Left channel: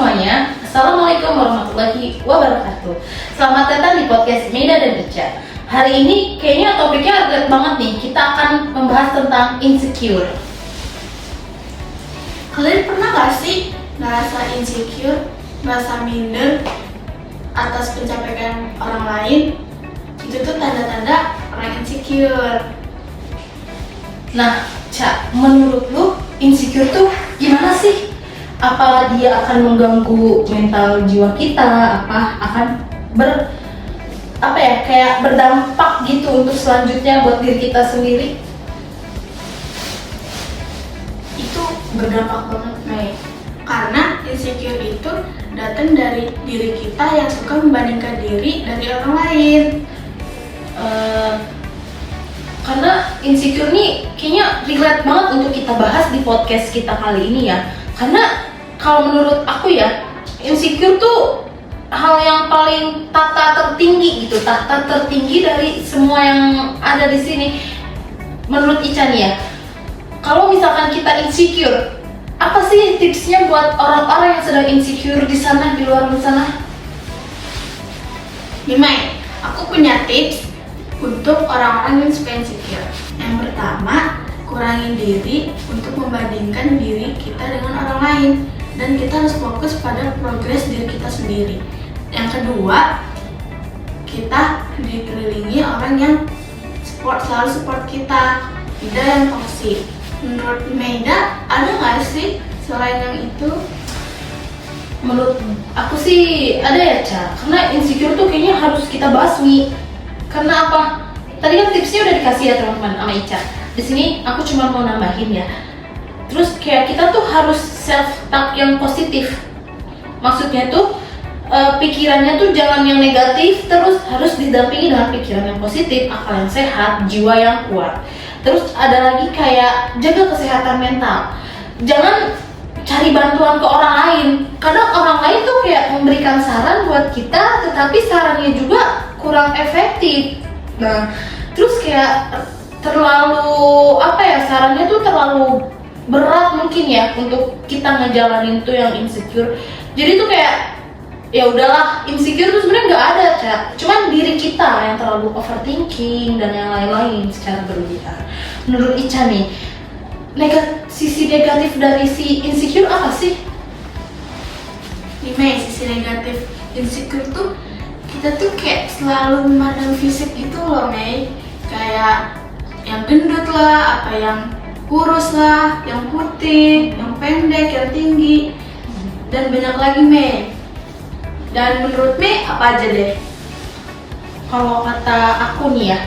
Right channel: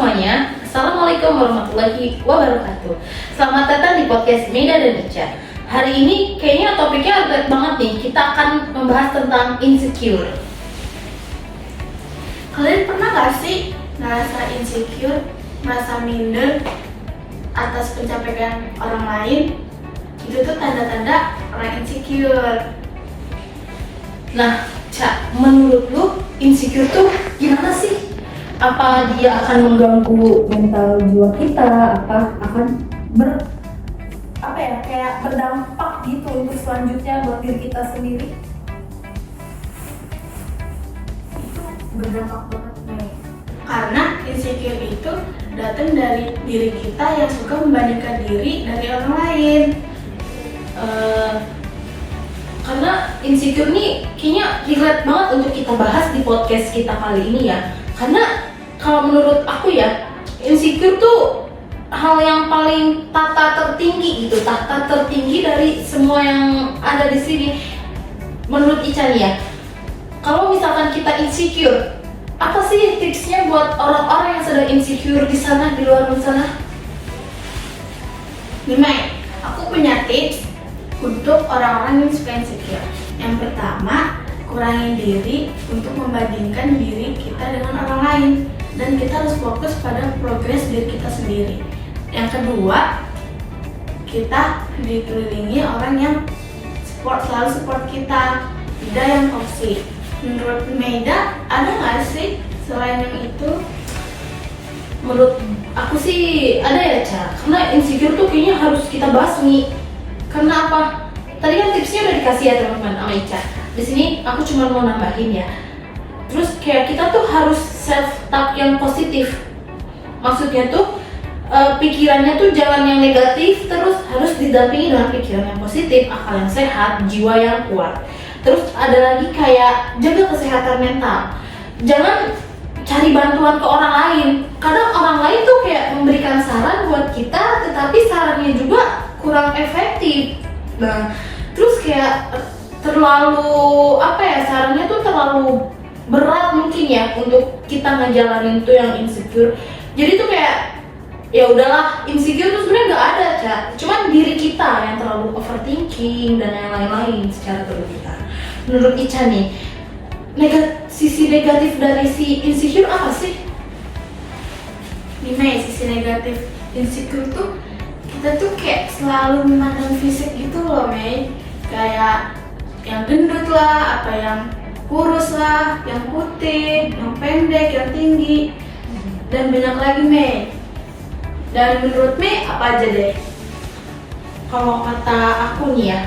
semuanya, Assalamualaikum warahmatullahi wabarakatuh. Selamat datang di podcast Meda dan Echa. Hari ini kayaknya topiknya agak banget nih. Kita akan membahas tentang insecure. Kalian pernah gak sih merasa insecure, merasa minder atas pencapaian orang lain? Itu tuh tanda-tanda orang insecure. Nah, Ca, menurut lu insecure tuh gimana sih? Apa dia akan mengganggu mental jiwa kita? Apa akan kayak berdampak gitu untuk selanjutnya buat diri kita sendiri? Itu berdampak banget, Mei. Karena insecure itu datang dari diri kita yang suka membandingkan diri dari orang lain. Karena insecure nih kayaknya relate banget untuk kita bahas di podcast kita kali ini ya. Karena kalau menurut aku ya, insecure tuh hal yang paling tahta tertinggi dari semua yang ada di sini. Menurut Ica nih ya, kalau misalkan kita insecure, apa sih tipsnya buat orang-orang yang sedang insecure di sana, di luar sana? Nih Mai, aku punya tips untuk orang-orang yang suka insecure. Yang pertama, kurangi diri untuk membandingkan diri kita dengan orang lain, dan kita harus fokus pada progres diri kita sendiri. Yang kedua, kita dikelilingi orang yang selalu support kita, tidak yang toksik. Menurut Meda, ada nggak sih selain yang itu? Menurut aku sih ada ya, Ca. Karena insecure tuh kayaknya harus kita basmi. Karena apa? Tadi kan tipsnya udah dikasih ya teman-teman sama Ica. Di sini aku cuma mau nambahin ya. Terus kayak kita tuh harus self-talk yang positif. Maksudnya tuh pikirannya tuh jangan yang negatif, terus harus didampingi dengan pikiran yang positif, akal yang sehat, jiwa yang kuat. Terus ada lagi kayak jaga kesehatan mental. Jangan cari bantuan ke orang lain. Kadang orang lain tuh kayak memberikan saran buat kita, tetapi sarannya juga kurang efektif. Nah, terus kayak terlalu sarannya tuh terlalu berat mungkin ya untuk kita ngejalanin tuh yang insecure. Jadi tuh kayak ya udahlah, insecure tuh sebenarnya nggak ada, Ca. Cuman diri kita yang terlalu overthinking dan yang lain-lain secara berlebihan. Menurut Ica nih, sisi negatif dari si insecure apa sih? Nih Mei, sisi negatif insecure tuh kita tuh kayak selalu memandang fisik gitu loh, Mei. Kayak yang gendut lah, apa yang kurus lah, yang putih, yang pendek, yang tinggi, dan banyak lagi, Mei. Dan menurut Mei apa aja deh? Kalau kata aku nih ya,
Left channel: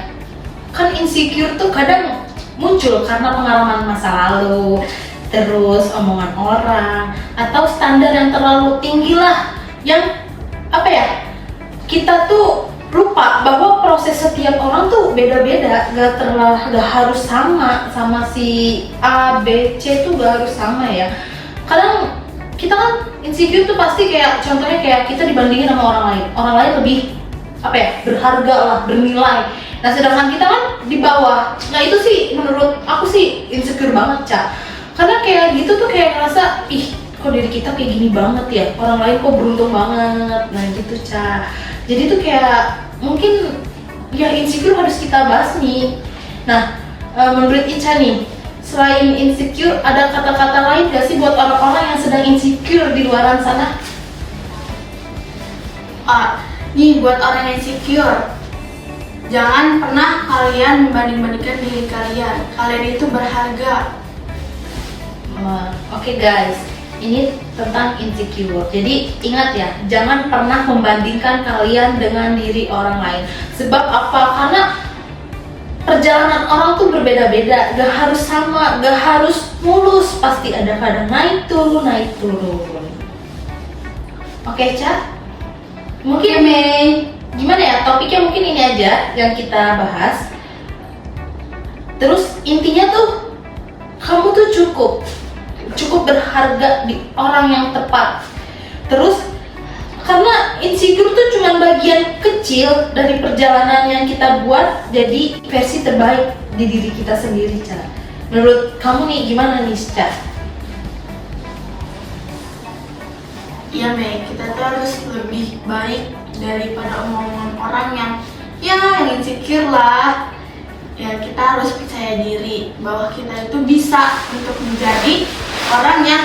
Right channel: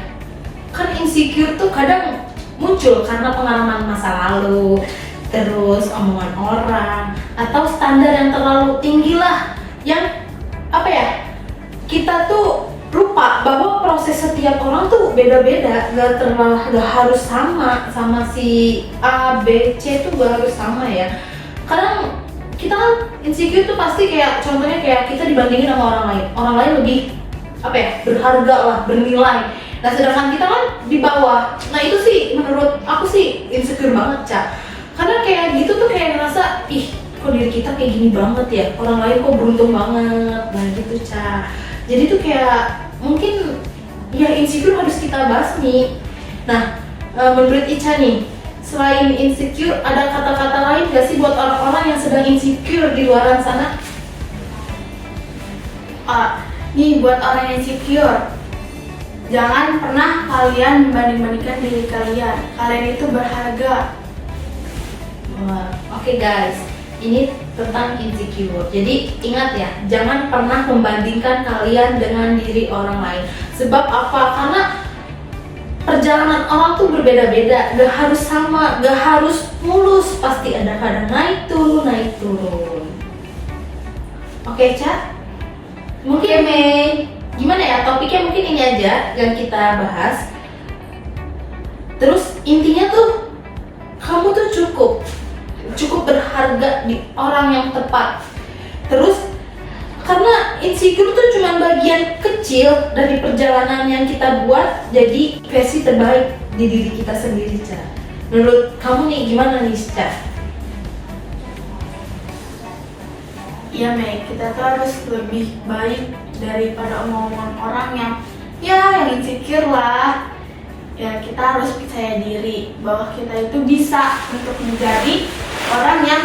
kan insecure tuh kadang muncul karena pengalaman masa lalu, terus omongan orang, atau standar yang terlalu tinggi lah, yang kita tuh lupa bahwa proses setiap orang tuh beda-beda, gak harus sama si A, B, C tuh gak harus sama ya. Kadang kita kan insecure tuh pasti kayak contohnya kayak kita dibandingin sama orang lain lebih berharga lah, bernilai. Nah sedangkan kita kan di bawah. Nah itu sih menurut aku sih insecure banget, Ca. Karena kayak gitu tuh kayak ngerasa kok diri kita kayak gini banget ya, orang lain kok beruntung banget. Nah gitu, Ca. Jadi tuh kayak mungkin ya insecure harus kita basmi. Nah menurut Ica nih, selain insecure, ada kata-kata lain gak sih buat orang-orang yang sedang insecure di luar sana? Nih buat orang yang insecure, jangan pernah kalian membanding-bandingkan diri kalian. Kalian itu berharga. Oke guys, ini tentang insecure. Jadi ingat ya, jangan pernah membandingkan kalian dengan diri orang lain. Sebab apa? Karena perjalanan orang tuh berbeda-beda, gak harus sama, gak harus mulus, pasti ada kadang naik turun. Oke, Ca? Mungkin gimana ya, topiknya mungkin ini aja yang kita bahas. Terus intinya tuh, kamu tuh cukup berharga di orang yang tepat. Terus karena insecure tuh cuma bagian kecil dari perjalanan yang kita buat jadi versi terbaik di diri kita sendiri, Ca. Menurut kamu nih gimana nih, Ca? Iya Mei, kita tuh harus lebih baik daripada omongan orang yang insecure lah. Ya kita harus percaya diri bahwa kita itu bisa untuk menjadi orang yang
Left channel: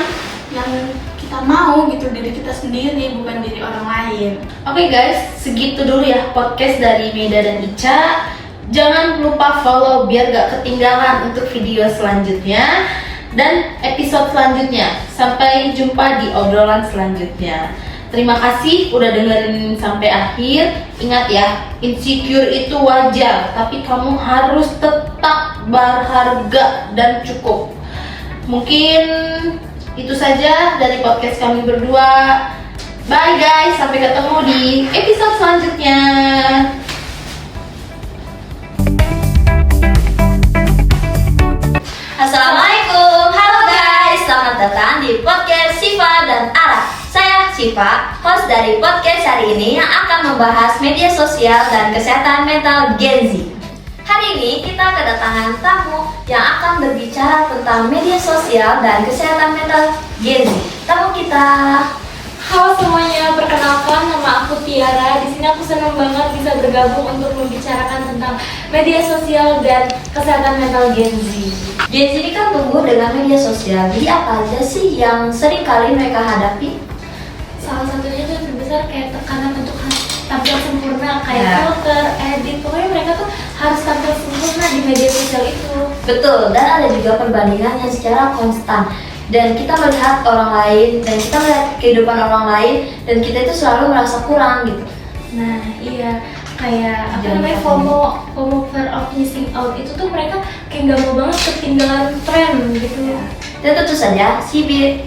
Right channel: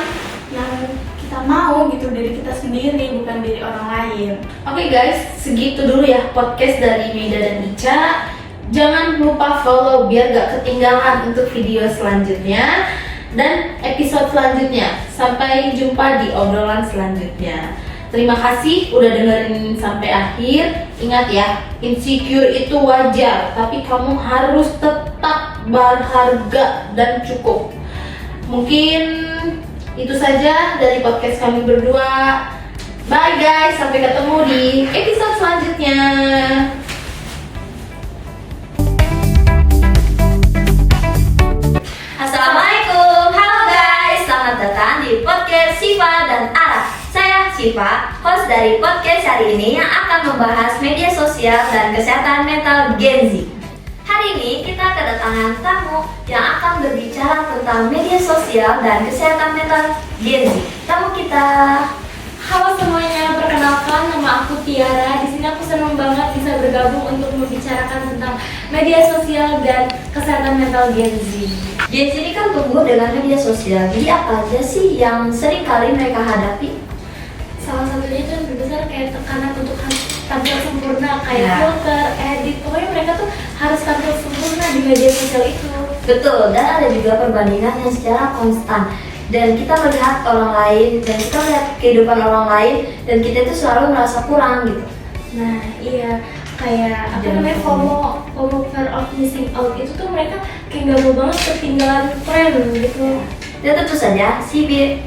kita mau gitu, diri kita sendiri bukan diri orang lain. Oke guys, segitu dulu ya podcast dari Mida dan Ica. Jangan lupa follow biar gak ketinggalan untuk video selanjutnya dan episode selanjutnya. Sampai jumpa di obrolan selanjutnya. Terima kasih udah dengerin sampai akhir. Ingat ya, insecure itu wajar, tapi kamu harus tetap berharga dan cukup. Mungkin itu saja dari podcast kami berdua. Bye guys, sampai ketemu di episode selanjutnya. Assalamualaikum, halo guys, selamat datang di podcast Siva dan Ara. Saya Siva, host dari podcast hari ini yang akan membahas media sosial dan kesehatan mental Gen Z. Hari ini kita kedatangan tamu yang akan berbicara tentang media sosial dan kesehatan mental Gen Z. Tamu kita. Halo semuanya, perkenalkan nama aku Tiara. Di sini aku senang banget bisa bergabung untuk membicarakan tentang media sosial dan kesehatan mental Gen Z. Gen Z ini kan tumbuh dengan media sosial. Jadi apa aja sih yang sering kali mereka hadapi? Salah satunya itu yang terbesar kayak tekanan untuk tampil sempurna, kayak Ya. filter, edit. Pokoknya mereka tuh harus tampil sempurna di media sosial itu. Betul, dan ada juga perbandingan yang secara konstan. Dan kita melihat orang lain, dan kita melihat kehidupan orang lain, dan kita itu selalu merasa kurang gitu. Nah iya, kayak apa Jadi namanya, FOMO fear of missing out itu tuh mereka kayak nggak mau banget ketinggalan tren gitu. Dan tentu saja,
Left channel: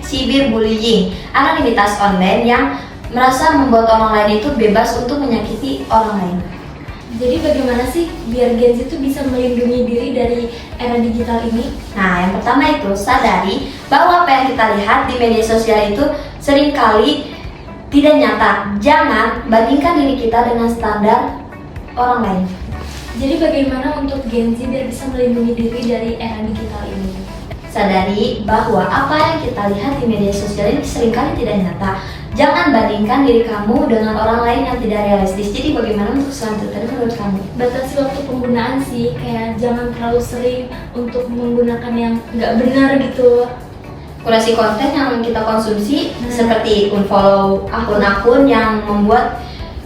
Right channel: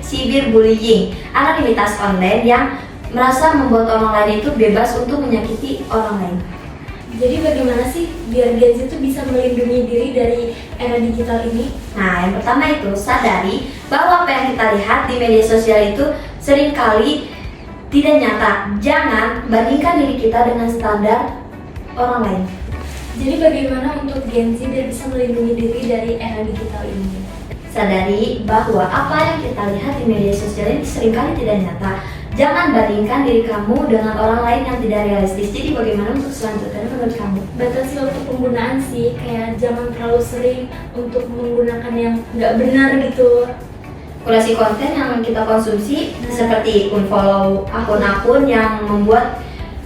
cyberbullying, anonimitas online yang merasa membuat orang lain itu bebas untuk menyakiti orang lain. Jadi bagaimana sih biar Gen Z itu bisa melindungi diri dari era digital ini? Nah, yang pertama itu sadari bahwa apa yang kita lihat di media sosial itu seringkali tidak nyata. Jangan bandingkan diri kita dengan standar orang lain. Jadi bagaimana untuk Gen Z biar bisa melindungi diri dari era digital ini? Sadari bahwa apa yang kita lihat di media sosial ini seringkali tidak nyata. Jangan bandingkan diri kamu dengan orang lain yang tidak realistis. Jadi bagaimana untuk selanjutnya menurut kamu? Batasi waktu penggunaan sih, kayak jangan terlalu sering untuk menggunakan yang nggak benar gitu. Kurasi konten yang kita konsumsi seperti unfollow akun-akun yang membuat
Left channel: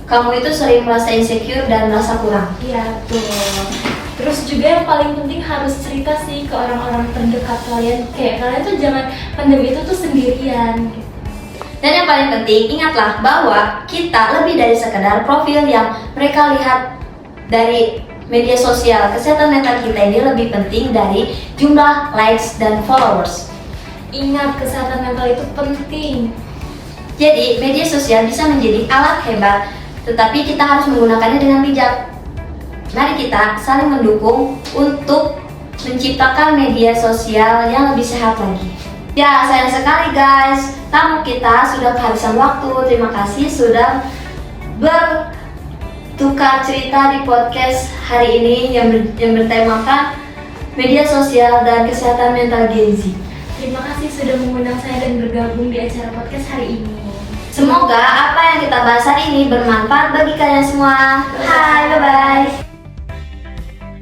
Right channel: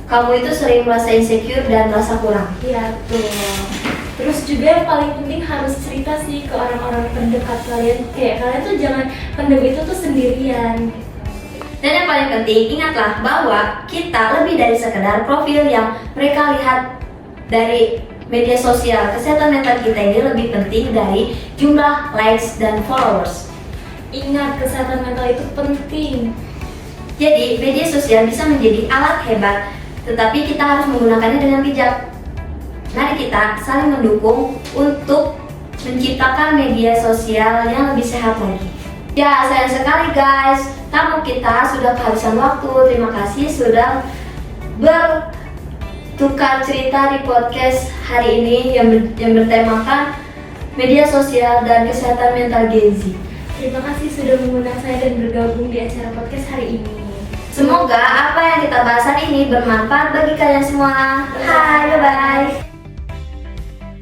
kamu itu sering merasa insecure dan merasa kurang. Iya betul. Terus juga yang paling penting harus cerita sih ke orang-orang terdekat kalian. Kayak kalian tuh jangan pendem itu tuh sendirian. Dan yang paling penting, ingatlah bahwa kita lebih dari sekedar profil yang mereka lihat dari media sosial. Kesehatan mental kita ini lebih penting dari jumlah likes dan followers. Ingat, kesehatan mental itu penting. Jadi, media sosial bisa menjadi alat hebat, tetapi kita harus menggunakannya dengan bijak. Mari kita saling mendukung untuk menciptakan media sosial yang lebih sehat lagi. Ya, sayang sekali guys, tamu kita sudah kehabisan waktu. Terima kasih sudah bertukar cerita di podcast hari ini yang bertemakan media sosial dan kesehatan mental Gen Z. Terima kasih sudah mengundang saya dan bergabung di acara podcast hari ini. Semoga apa yang kita bahas hari ini bermanfaat bagi kalian semua. Hai, bye-bye.